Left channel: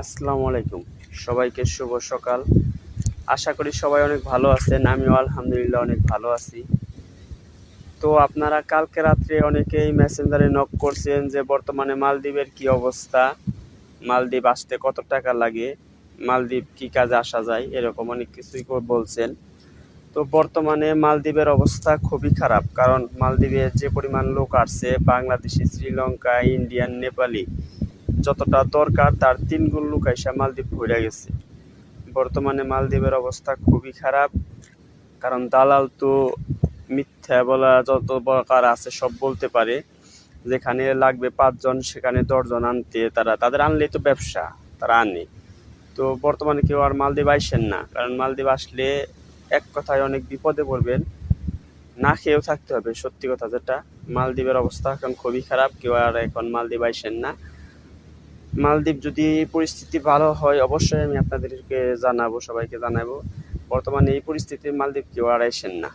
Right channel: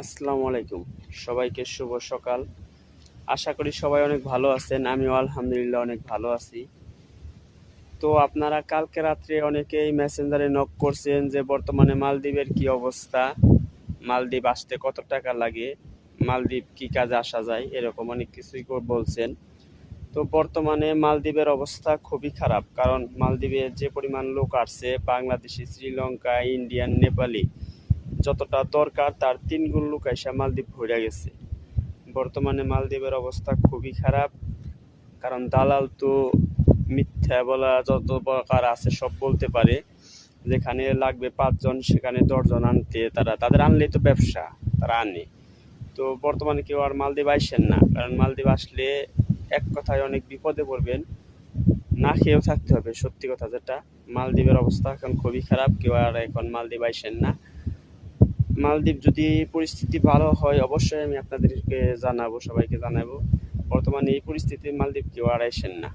আসসালামু আলাইকুম, সবাইকে শুভ সকাল। আশা করি সবাই অনেক ভালো আছেন। আমিও আলহামদুলিল্লাহ অনেক ভালো আছি। তো আপনারা কালকে রাত্রে অনেকেই মেসেঞ্জারে নক করছেন যে বর্তমানে মালদ্বীপের কি অবস্থা, মালদ্বীপ আসতে কত টাকা লাগে, মালদ্বীপ কি কাজে আসা যায়, এরকম অনেক কিছুই বলছেন। তো বর্তমানে মালদ্বীপের অবস্থা খুবই খারাপ, কারণ মালদ্বীপে যে পরিমাণ লোক আসছে, বাংলাদেশি, শ্রীলঙ্কা, ইন্ডিয়ান, নেপালি, যতটা দরকার তার 3 গুণ লোক এসে মালদ্বীপ ঘুরে গেছে। বর্তমানে মালদ্বীপের অবস্থা খুবই খারাপ, কারণ দালাল তো মিথ্যা বলা যত প্রকার আছে সব বলতে পারে। যেখানে লাগবে 5 জন সেখানে 10 জন আনতে, তাদের আনলেই তো ব্যবসা, তারা আনে। তো বর্তমানে কেউ আর মালদ্বীপ আইসেন না, কারণ মালদ্বীপ আসলে এক কথায় অনেক বিপদে পড়বেন, না খেয়েও থাকতে হবে। সত্যি কথা যেটা, মালদ্বীপের অবস্থা এখন খুবই খারাপ, কেউ আর এখন মালদ্বীপ আইসেন না। মালদ্বীপ যদি পরিস্থিতি ভালো হয় অবশ্যই আমি আপনাদেরকে জানাবো, সবাইকে জানাবো। বর্তমানে এই পরিস্থিতির মালদ্বীপ কেউ আর আইসেন না।